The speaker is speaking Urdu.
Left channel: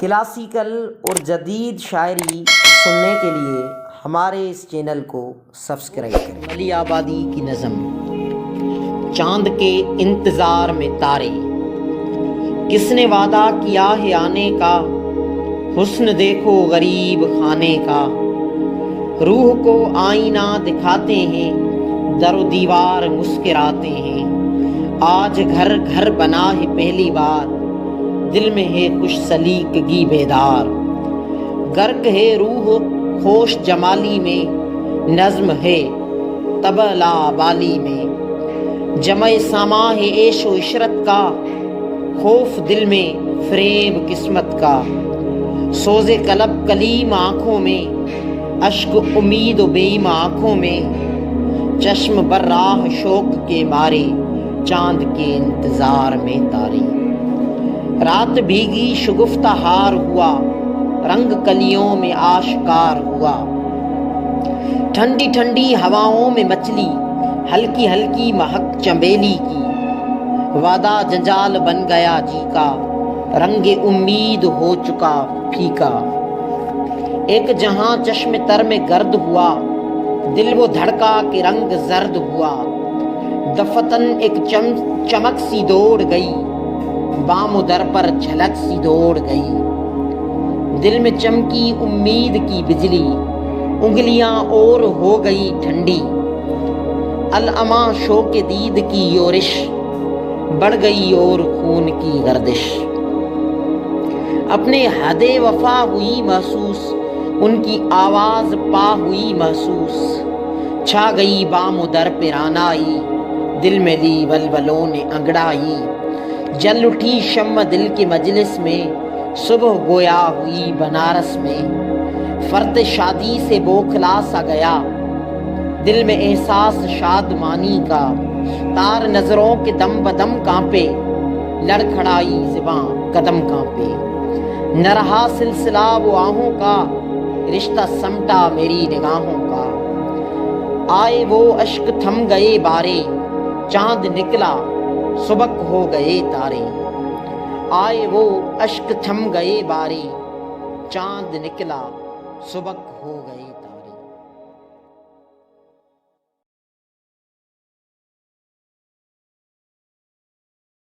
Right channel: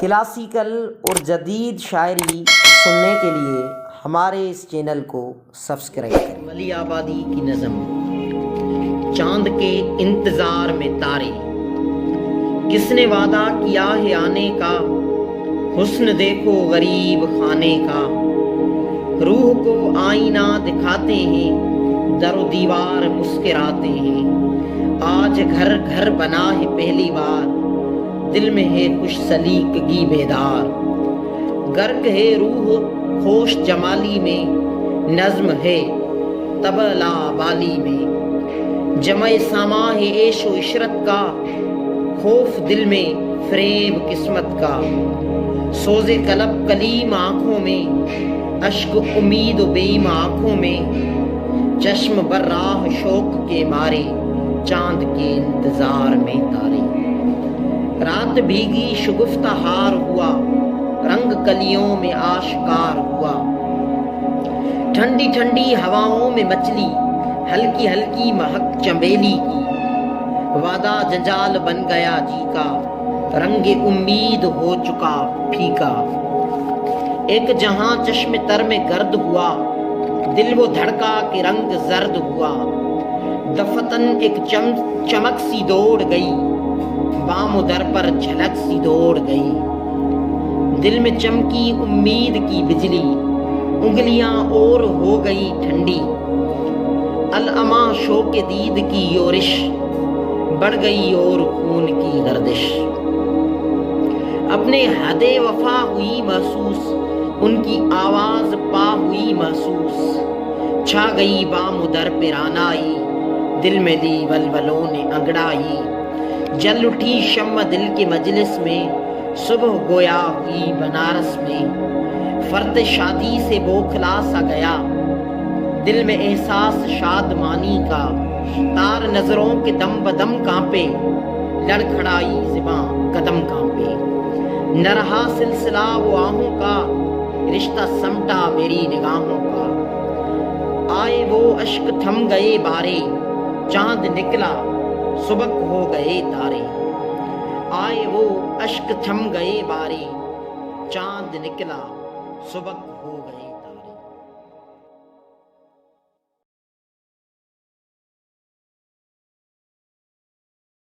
کلاسیکل اور جدید شاعری سننے کے لیے ہمارے اس چینل کو سبسکرائب کریں۔ ملی آبادی کی نظم۔ چاند کے انتظار میں تارے، کس نے وعدہ کیا ہے آنے کا، حسن دیکھو غریب خانے کا، روح کو آئینہ دکھاتے ہیں، در و دیوار مسکراتے ہیں، آج گھر گھر بنا ہے پہلی بار، دل میں ہے خوش سلیقگی بیدار، غرق ہے روح خوش جمالی میں، نظم ہے طبلہ بالی میں، جمع ساما ہے عیش و عشرت کا، خوف دل میں فریب قسمت کا، سوز قلب کلیم آنکھوں میں، اشک امید و بیم آنکھوں میں، چشم بر راہ شوق کے مارے، چاند کے انتظار میں تارے، رات بھیگی شگفتہ ہار ہوا، رنگ کلیوں میں آشکار ہوا، ٹھنڈی ٹھنڈی ہواؤں میں مچلی، ہلکی ہلکی مہک چنبیلی کی، وعدہ جنجال بن گیا جی کا، رنگ امید ہو چکا پھیکا، ایک جہاں چشم تر میں گرد ہوا، دل وہ دھڑکا کہ رنگ زرد ہوا، دفتن ایک چمک سی دوڑ گئی، بام و در پر جھلک سی دوڑ گئی، دل میں چمکی امید کی بجلی، انگلیاں اور ہو گئی ٹھنڈی، الاماں شوق دید کی یورش، بڑھ گئی اور خون کی گردش، اپنے حد وفا ہوئی محسوس، ان کی آواز پا ہوئی محسوس، چھا گئی بام و در پہ رانائی، دل میں لی بلبلوں نے انگڑائی، جل اٹھی شمع دل کے مجلس میں، صبح گویا ہوئی بنارس میں، فرد شادی سے بوکھلا سا گیا، دل میں احساس شادمانی کا، تار نظروں کے دم بدم کانپے، لڑکھڑائی زباں قدم کانپے، نہ رہا سلسلہ وہ آہوں کا، رشتہ سمٹا میری نگاہوں کا، آئے وہ اشک تھم گئے بارے، چاند نکلا سبک ہو گئے تارے، آئے وہ اشک تھم گئے بارے، چاند نکلا سبک ہو گئے۔